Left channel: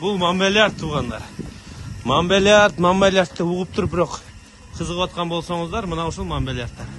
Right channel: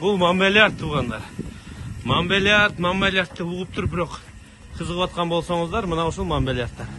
Бұл Монбельярд туғандар. Монбельярдты уғып тұрып бірақ қызығып атқан болсаңыздар, мына ушул Монбельярдтар.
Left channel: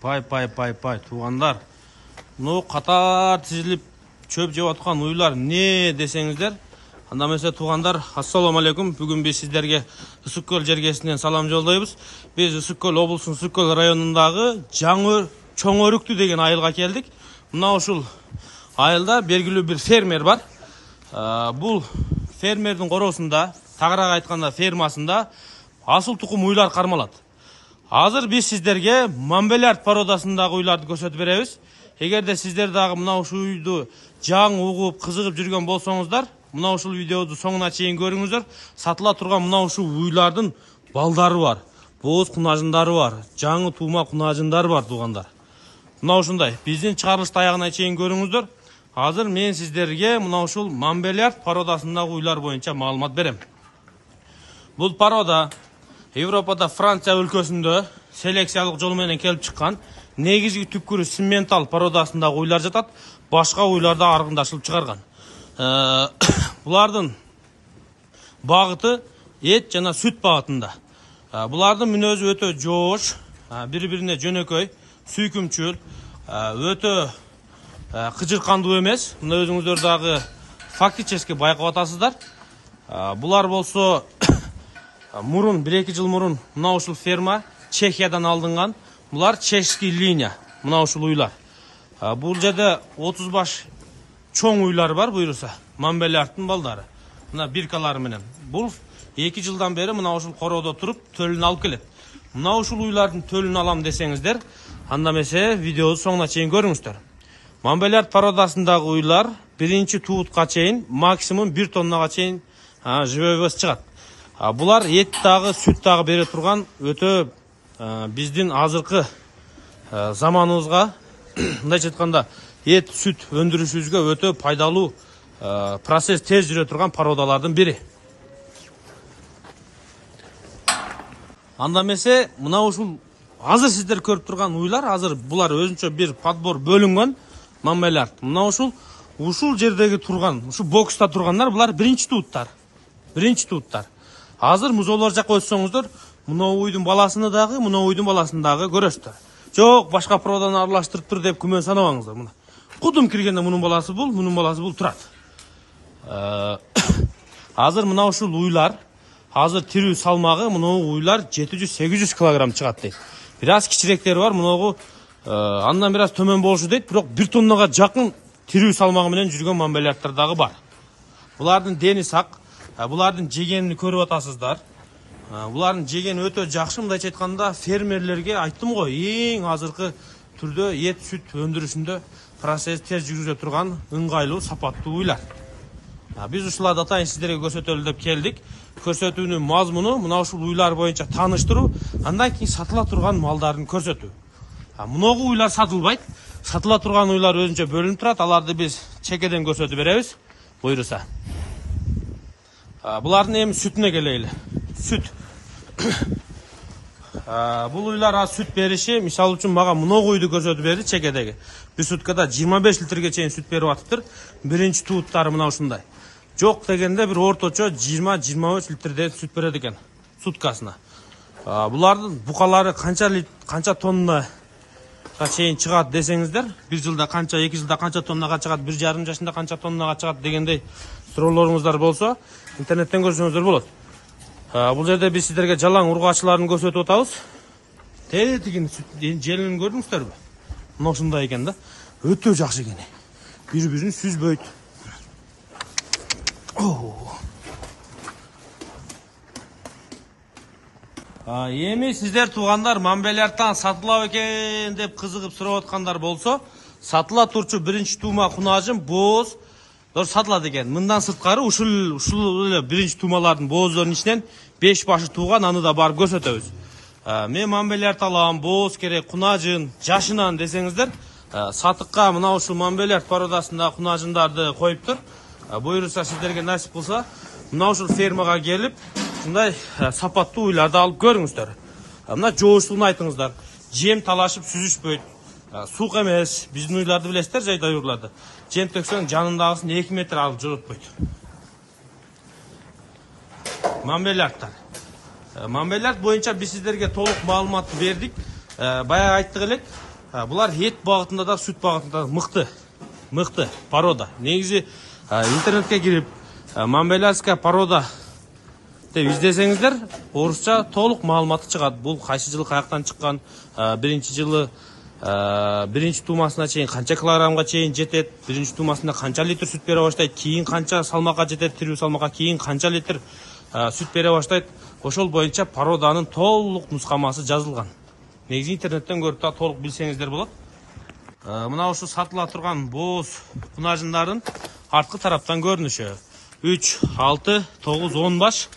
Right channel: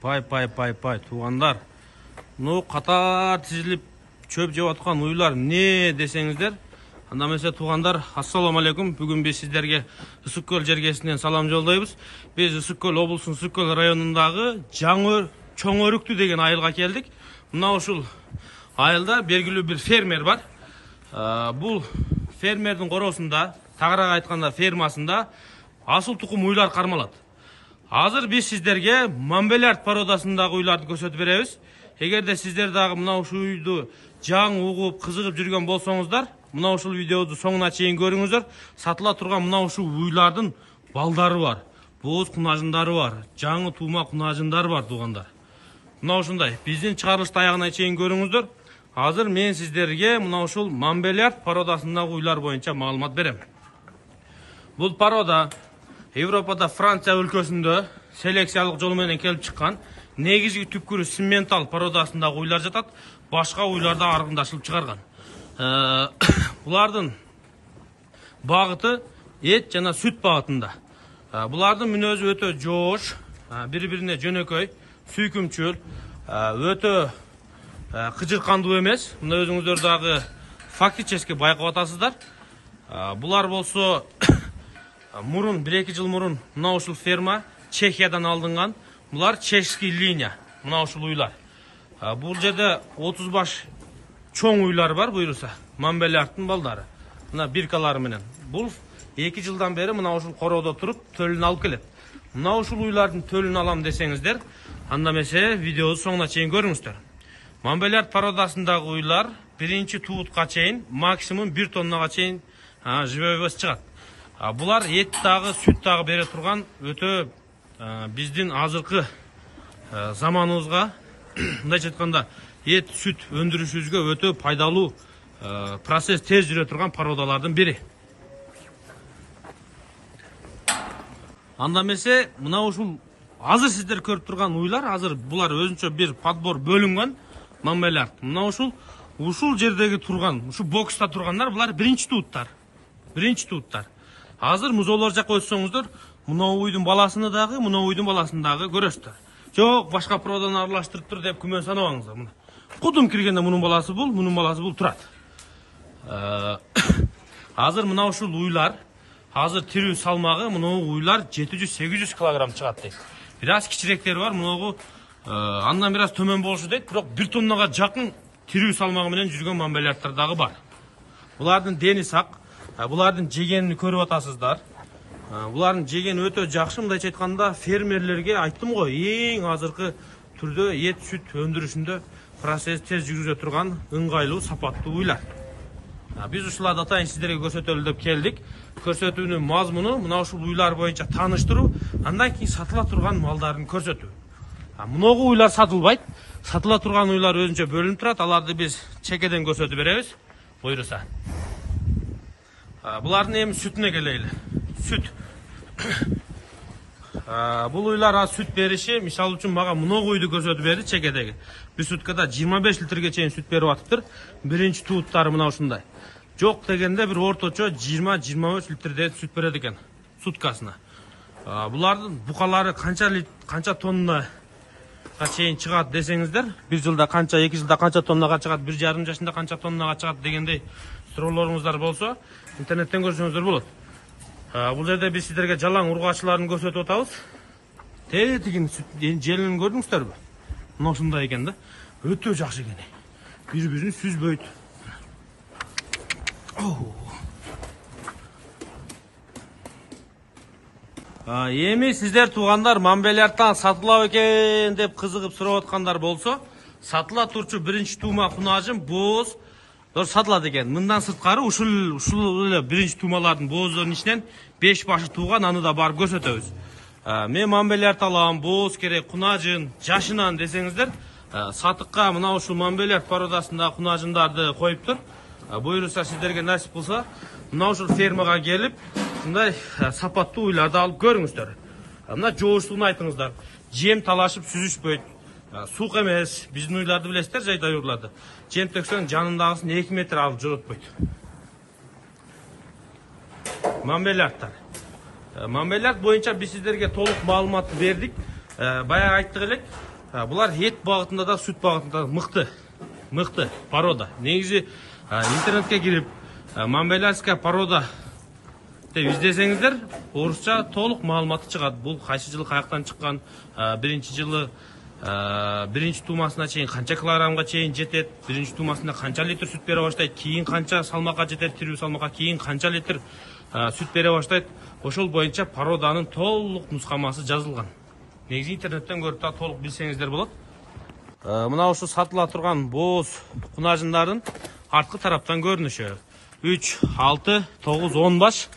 Пай, туғандар. Мұны қатар тізіліп чөп жеп атқан уйлар не десеңіздер. Анда mesela туғандар, ассаламу алейкум. Бүгін біз сіздерге Үсіккөл жергесінен салам жолдайбыз. Біз Үсіккөл облысының Үсіккөл районындағы Чоңөрүктү деген айылға келдік. Мына ушул айылда белгилүү бір фермер бар. Бұл фермердің қоросында, тағырақ айтқанда фермасында асыл тұқым уйлар қармалады. Азыр біз сіздерге Монбельярд породасындағы уйларды көрсөтүп беребиз. Эгерде сіздер дагы мына ушул уйду жаңы угуп, кызыгып жүргөн болсоңуздар, мына ушул видеоду соңуна чейин көрүңүздөр. Сатыла турган мына ушул уйлардын балдары бар, бооз кунажындары бар, жаңы туума кунажындары бар туугандар. Мына ушундай биздин чыгарылышты аягына чейин көрүңүздөр. Азыр мен сіздерге мына ушул Монбельярд породасындагы уйлар боюнча маалымат берем. Бул порода Европада Франция өлкөсүндө селекциялык жол менен келип чыккан. Негизги түпкүрү симментал породасындагы уйлар жатат. Башка уйларда аргындашылып чыгарган. Булардын багыты эт жана сүт багытында. Булардын мүнөзү өтө жоош, бири-бирине жөнөкөй, сүйкүмчүл, өтө кыжыркандуу эмес. Мына өзүңүздөр дагы фактически байкап атасыздар. Булар болсо мурун 1-2 жыл мурун мына ушул ферма Чехиядан алынган. Булар чешский линия. Мына ушул уйлар. Бул жерде 30 баш чоң уйлар бар буйруса. Монбельярдтын балдары. Мына биркалары менен. Бул 2 жылдан бери мына ушул коrodо туруп төлүн алып келет. Мына ушул уйлардын төлүн алам десеңиздер, анда месе видеоду соңуна чейин көрүңүздөр. Монбельярд породасындагы уйлар биринчи туутка чейин максимум 1 тоннага чейин живой чыгат. Булар ет дагы, сүт дагы бере турган өтө биздин азыркы заманыбызга, мындайча айтканда, ет, сүт өндүрүшүбүзгө өтө пайдалуу процесс тез жүрө турган породалардын бири. Анда эмесе мына ушул азыр сиздер көрүп турган уйлар, азыр булар өзүнчө бир подбор бөлүнгөн Монбельярд. Мына ушул жердеги турган, ушул бокста тургандар булар биринчи тууттар. Азыр музоолор жакка өтсөңүздөр, мына уйдун баласыны дагы, мына уйдун баласын дагы көрөсүздөр. Жок, башка породаны аралаштырыптыр деп күмөн санабаңыздар. Мына кудум киргенде мунун баласы бул турат. Азыр мына ушул уйлар азыр тирүү салмагы мыногу уйлар 700-800 кг чыгат дейт. Бир аз кичиректери бар, мыногу андан бир аз төмөн болушу дейт, бирок 1 тоннага жакын тирүү салмагы менен жүргөн мамбелярдтар дагы бар. Булардын дени сак, булардын жегенин көрүп атасыздар. Булардын жегени өтө жакшы, мындайча айтканда фермерлерге айттым го, эң азыркы түрдө эт сүт өндүрүшүндө процесс тез жүргүзө турган ыңгайлуу, сапаттуу уйлар. Биз ушуларды атайын сиздерге көрсөтөлү деп келдик. Көрсөтүүнүн мазмуну мына ушул уйлар боюнча тааныштыруу, андан кийин сатыла турган малдарын көрсөтүү. Мыногу уйлар сатылбайт. Сатыла турган уйлар өзүнчө бөлүнүп турат. Аларды биз чекеден көрсөтүп беребиз. Буйруса. Булардын эми сүтүнө келели. Сүт. Бул уйлар сүт бериши, мисалы үчүн мага мыногу уйду көрсөтүп берди чекедеги. Бир суткада 25 литрге чейин сүт берип атыптыр. Биринчи тууттары мына ушундай. Жок дегенде бир орточо 20-25 литрдей сүт берет экен суткасына. Булардын букалары канча тонна чейин чыгат десеңиздер, 1 жылда канча, 2 жылда канча тоннага чыгат, 1,5 жашында канча тоннага чыгат дегендей суроолоруңуздар болсо, интернеттен көрсөңүздөр болот. Бул жерде биз сиздерге жалаң ургачыларын көрсөтүп атабыз. Тегин сүт желинин көрдүңүздөрбү? Мына ушундай экен да. Өтө жакшы экен. Бири-бирин сүзбөйт. Эми сиздер туугандар мамбелярдтан сатылабы экен деп кызыгып сурап аткандар болсо, сатыла турчу биринчи туума кунажым бооз сатылат экен. Мындан сырткары ушул эле биринчи туумалардын боозлорунун ичинен 5 башы тууган, аны да барып көрсөтөбүз. Мен мамбелярд алам, бооз керек, кунажым жашынан десеңиздер, сатыкка мына ушул мамбелярд породасында кунажымдарды коюптур. Буйруса сиздерге насип кылса, мына ушул фермага келип, ушундай сапаттуу уйларды алып көрүңүздөр. Мына жоошугун айтыңыздар. Жем талашып сүзүшпөйт. Сук эмес. Биздин уйларды билесиздер, жайдай уйларды. Жем төксөң жанындагысын 2 метр алып жоготпойт. Мамбелярдтар. Мамбелярд боюнча биз сиздерге толук маалыматты бердик. Баягы айттык элек. Булар эт багытында да, сүт багытында да мыкты порода. Негизи интернетке кирип мамбелярская порода деп издесеңиздер, орусча толук маалыматы чыгат. Бул кайсы жылы каяктан чыккан, биринчи жылы биринчи туумасына чейин канча килограммга чейин жетет, биринчи туумасында канча литр сүт бере баштайт, кийин канча салмакка жетет, тирүү салмакка, кийин канча литр сүт бере баштайт. Ошол боюнча породанын толук нускамасы жазылган. Негизи интернеттен көрүп та толук билсеңиздер болот. Мына ушу сатыла турган бооз кунажындардын арткы тараптан көрүнүшү. 3, 6, 9, 10 баш.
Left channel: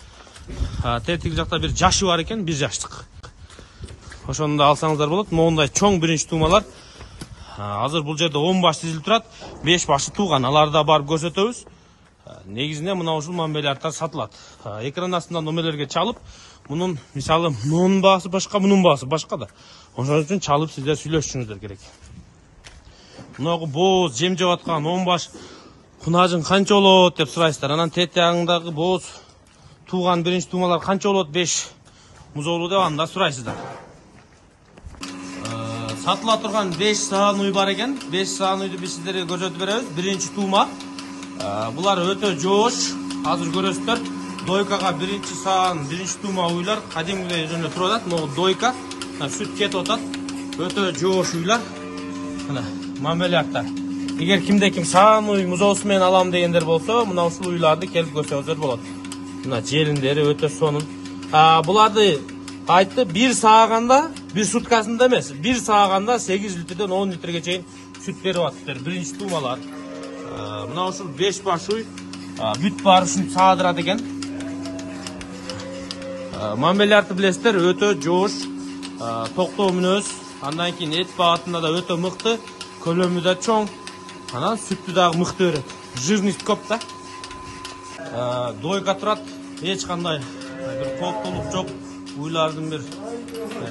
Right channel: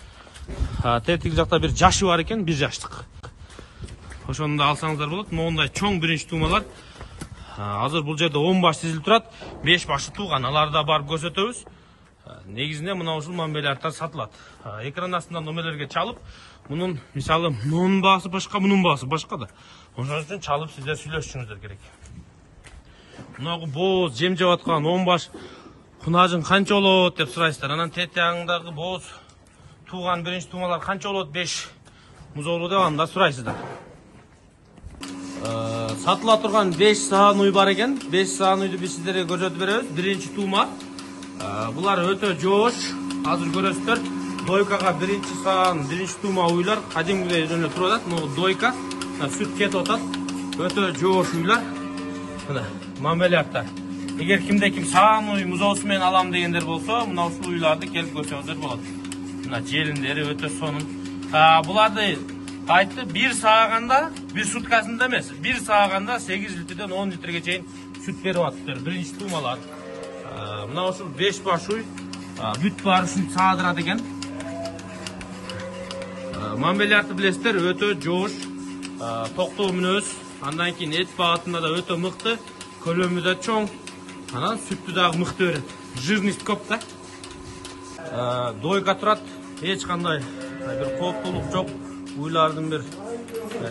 Тетиги жакта бир жашы бар экен, 1 жаштык. Ошону да алсаңыздар болот. Моундай чоң биринчи туумалар. Азыр бул жерде 10 баш тизилип турат, 5 башы тууган. Аларды да барып көрсөтөбүз. Негизинде мына ушул мамбелярдтар сатылат. Экран астында номерлерге чалып, мунун мисалы мунун баасы башка, мунун баасы башка да. Ошон үчүн чалып сиздер сүйлөшүшүңүздөр керек. Мынагы бооз жем жеп аткан 10 баш кунажың канча болот деп сурайсыздар. Анан тет жагыңдагы бооз тууган биринчи туумалар канча болот, 5 музоолу деп аны да сурайсыздар. Сатыла турган 5 саан уй бар экен. 5 саан уйду биз сиздерге көрсөтүп беребиз. Биринчи туума. Булар өтө жоош. Азыр көрөсүздөр. Дойкага биринчи саан, биринчи туума уйлар кадимгидей жөнө туруп атат. Могу дойка, сүт кетип атат. Өтө жоош уйлар. Мына мамбелярдтар. Эгер кимдеки саан уй музоосу менен алам дегендер болсо, мына ушул уйларды келип көрсөңүздөр болот. Мына жериндери өтө сонун. Буларды айтты, 1 сааганда, 1 суткасында эмес, 1 сааганда 8 литрден 10 литрге чейин сүт берип атыптыр. Биринчи туумалар. Мына ушул 5 баш уй бүт барышын саадырат экен. Мамбелярды билесиздер, өтө жоош, токтоо мүнөз, андан кийин эт багытында да өтө мыкты, көлөмү да чоң, анан сүттү дагы мыкты берет. Жирность көп да. Дойка турат, эч кандай бир кооптуулук жок, уйлардын бир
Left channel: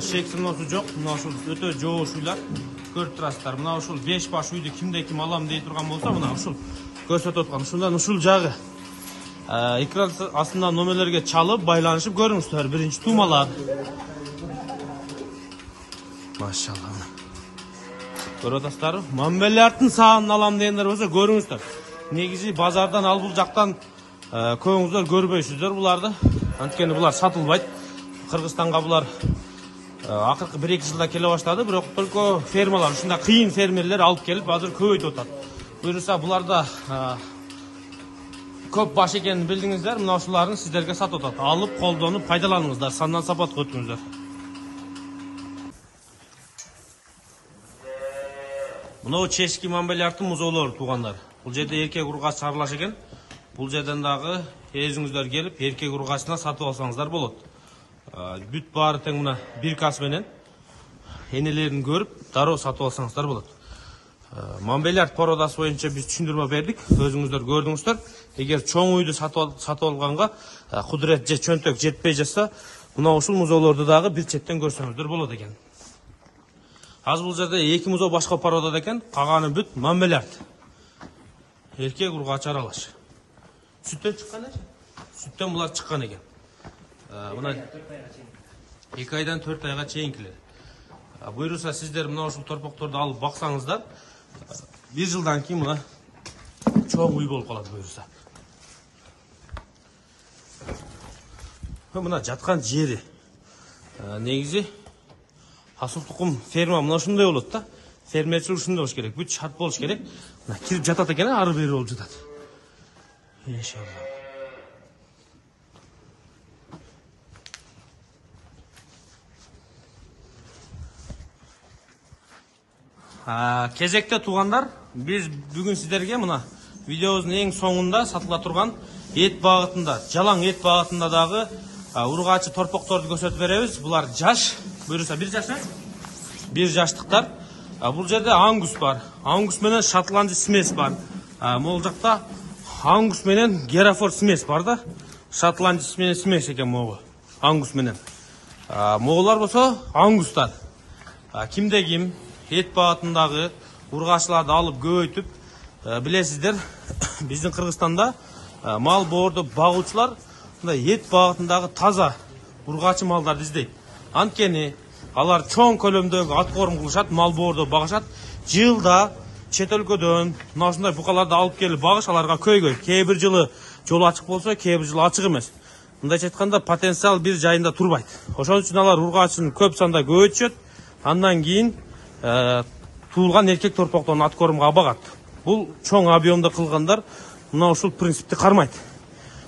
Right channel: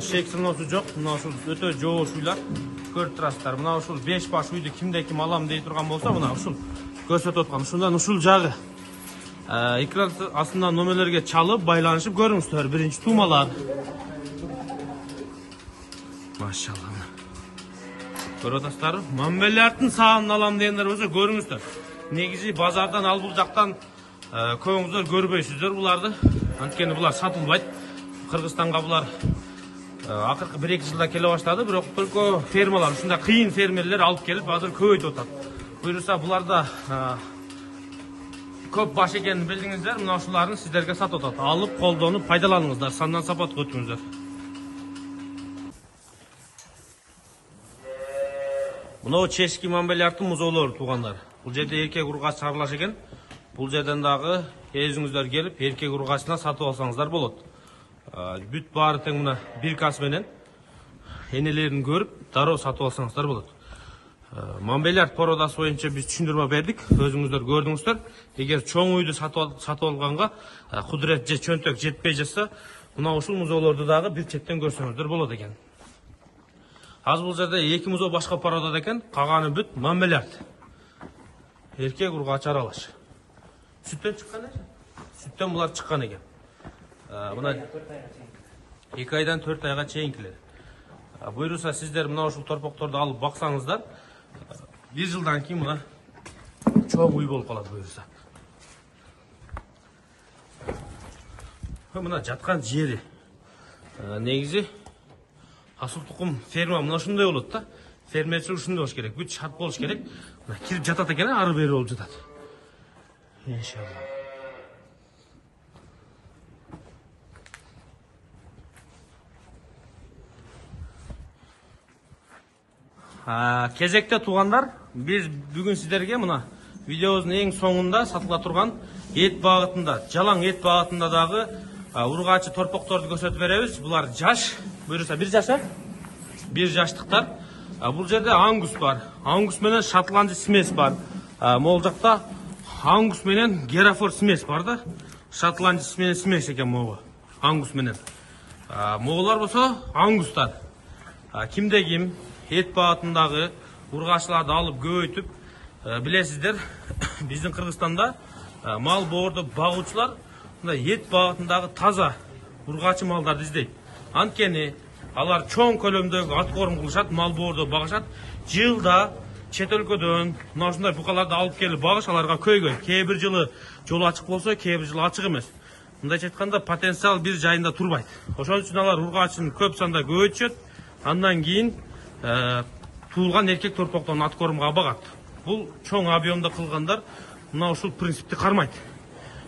шектиносу жок. Мына ушул өтө жоош уйлар көрүп турасыздар. Мына ушул 5 баш уйду кимде ким алам дей турган болсо, мына ушул көрсөтүп аткан. Ушундан ушул жагы экран астында номерлерге чалып, байланышып көрүңүздөр. Биринчи туумалар. Машалла. Көрүп атасыздар. Мамбелярдтын саанын алам дегендер болсо көрүңүздөр. Негизи базардан ал бул жактан көбүңүздөр көрбөйсүздөр буларды. Анткени булар сатылбайт. Кыргызстанга булар акыркы 1-2 жылда келе баштады, бирок только фермалар, ушундай кыйын фермерлер алып келип азыр көбөйтүп атат. Буюрса буларда көп баш экенин билдиңиздер, мына ушуларын сиздерге сатып атат. Алып, колдонуп, пайдаланыңыздар, сандан сапатка өтүңүздөр. Мына чешки мамбелярдын музоолору туугандар. Бул жерде эркек ургач чарылаш экен. Бул жерден дагы өзүңүздөр келип, эркек ургачына сатып алсаңыздар болот. Бүт баары тең мына бир кас менен энелерин көрүп, дароо сатып алсаңыздар болот. Мамбелярд породасы боюнча биз түшүндүрмө бердик, өзүңүздөр көрдүңүздөр. Эгер чоң үйдү сатып алганга кудурет же чөнтөк жетпей жатса, мына ушул музоолорду дагы бир чектен көрсөңүздөр болот экен. Азыр бул жерде 2 музоо башка породада экен, калганы бүт мамбелярд. Эркек ургач аралаш. Сүттөн чыккан экен. Сүттөн булар чыккан экен. Мына 2 айдан 4 айга чейинкилер. Буйруса сиздер мына ушул торпокторду алып баксаңыздар, 1 жылдан кийин мына чоң үй болуп калат буйруса. Мына жаткан жери негизи асыл тукум ферма мына ушундай болот да. Фермерчилик ушундай болуш керек, бүт шарт болуш керек. Мына кирип жатат экен, ары бери болуп жатат. Иншалла. Кезекте туугандар, биз бүгүн сиздерге мына видеобуздун эң соңунда сатыла турган эт багытында, жалаң эт багытында дагы ургачы торпокторду көрсөтүп беребиз. Булар жаш, буюрса 1 жаш, 1 жаштыктар. Бул жерде ангус бар. Ангус менен шотландчы смесь бар. Могул жакта ангус менен герафорд смесь бар да. Шотландчы смесь экен могу. Ангус менен. Моголар болсо ангустар. Кимде ким эт багытындагы ургачыларды алып көбөйтүп, билесиздер, биздин Кыргызстанда мал боорду багуучулар мындай эт багытындагы таза ургачы малдарды издейт. Анткени алар чоң көлөмдөгү ат корм кылышат, мал боорду багышат. Жылда чет өлкөдөн мына ушундай букаларды алып келип багыш аларга көйгөй. Кээ бир жылы жол ачык болсо, кээ бир жылы ачык эмес. Мындайча айтканда потенциал бир жайында турбайт. Ошон үчүн алар ургачын көп санда көбөйтүшөт. Андан кийин туулган эркек торпоктон ат кормго багат. Бул чоң объемдо кылгандар мына ушул принципти кармайт.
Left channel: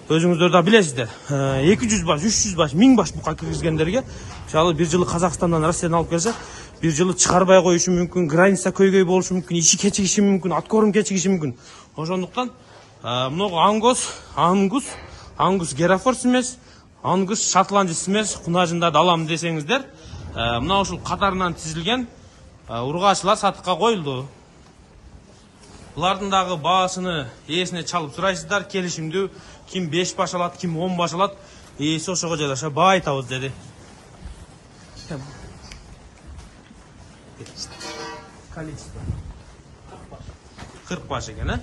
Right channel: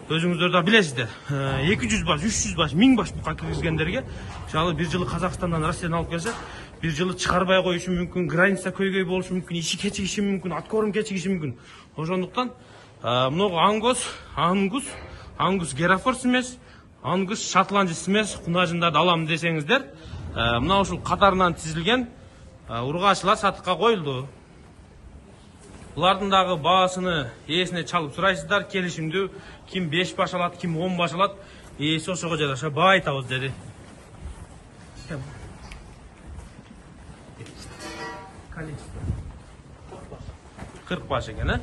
Өзүңүздөр да билесиздер. 200 баш, 300 баш, 1000 баш бука киргизгендерге, мисалы бир жылы Казакстандан Россиядан алып келсе, бир жылы чыгарбай коюшу мүмкүн, граница көйгөй болушу мүмкүн, ичи кечигиши мүмкүн, ат корм кечигиши мүмкүн. Ошондуктан мына ангус герафорд смесь, ангус шотландчы смесь кунажындарды алам десеңиздер, мына ушул катарынан тизилген ургачылар сатыкка коюлду. Булардын дагы баасыны ээсине чалып сурайсыздар, келишимдүү, ким 5 баш алат, ким 10 баш алат, ээси ошого жараша баа айтабыз деди. 40 баш экен,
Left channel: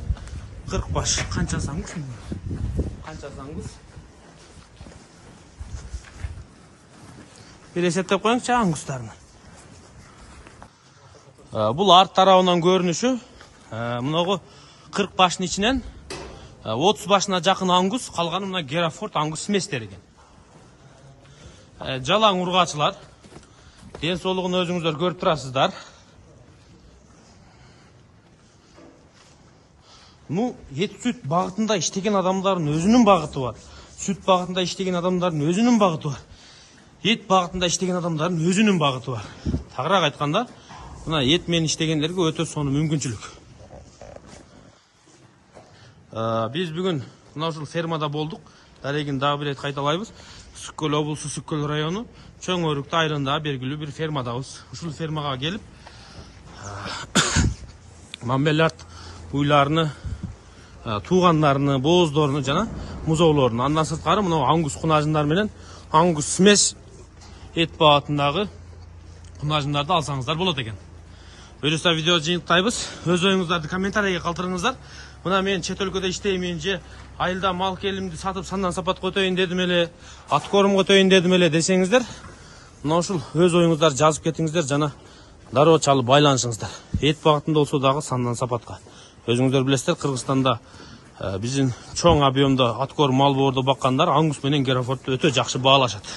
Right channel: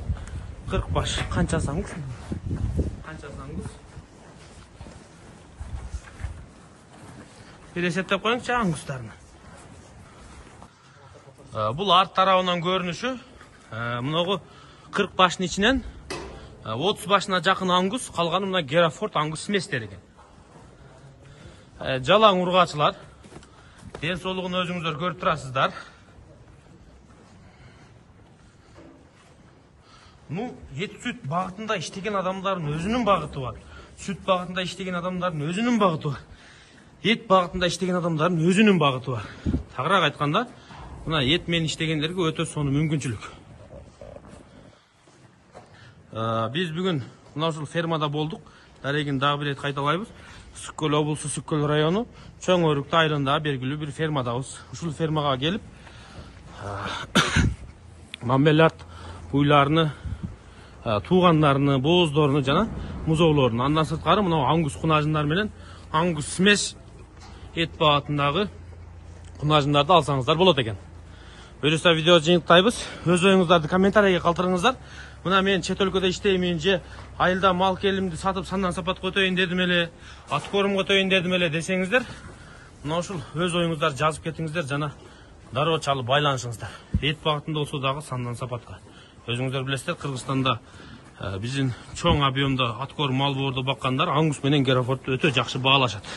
40 баш. Канчасы ангус? Канчасы ангус? Бир эсептеп коюңчу ангустарны. Бул арт тарабынан көрүнүшү, мынагы 40 баштын ичинен 30 башына жакын ангус, калганы мына герафорд ангус сместер экен. Жалаң ургачылар, ден соолугун өзүңүздөр көрүп турасыздар. Ет сүт багытында иштеген адамдардын өзүнүн багыты бар. Сүт багытында иштеген адамдардын өзүнүн багыты бар. Ет багытында иштеген адамдардын өзүнүн багыты бар. Тагыраак айтканда, мына ет менен иштегендерге өтө сонун мүмкүнчүлүк. Биз бүгүн мына ушул фермада болдук. Дарегин дагы бир рет кайталайбыз. Сүткөл облусу, Сүткөл району, Чоң Өрүктү айылындагы белгилүү бир фермадабыз. Ушул фермага келип, мамбелярд уйларыны, туугандарыны, бооздоруну жана музоолорун, андан сырткары мына ангус кунажындар менен ангус смесь эт багытындагы кунажындарды алсаңыздар болот экен. Буюрса видеону жыйынтыктайбыз. Өз оюңуздарды комментарийге калтырыңыздар. Мына мен чет өлкөдө иштеймин же айылда мал келимди сатып сандан сапатка өтөйүн дедим эле, ат корумга өтөйүн дедим эле десеңиздер, мына ушул өз оюңуздарды жазып кетиңиздер жана дароо чалып байланышыңыздар. Эт багытында болсо дагы сандан сапатка. Өзүңүздөр билесиздер, Кыргызстанда Bizim çoğun объемда аткор мал боорду баккандар аңгус менен Герефордду өтө жакшы баалашат.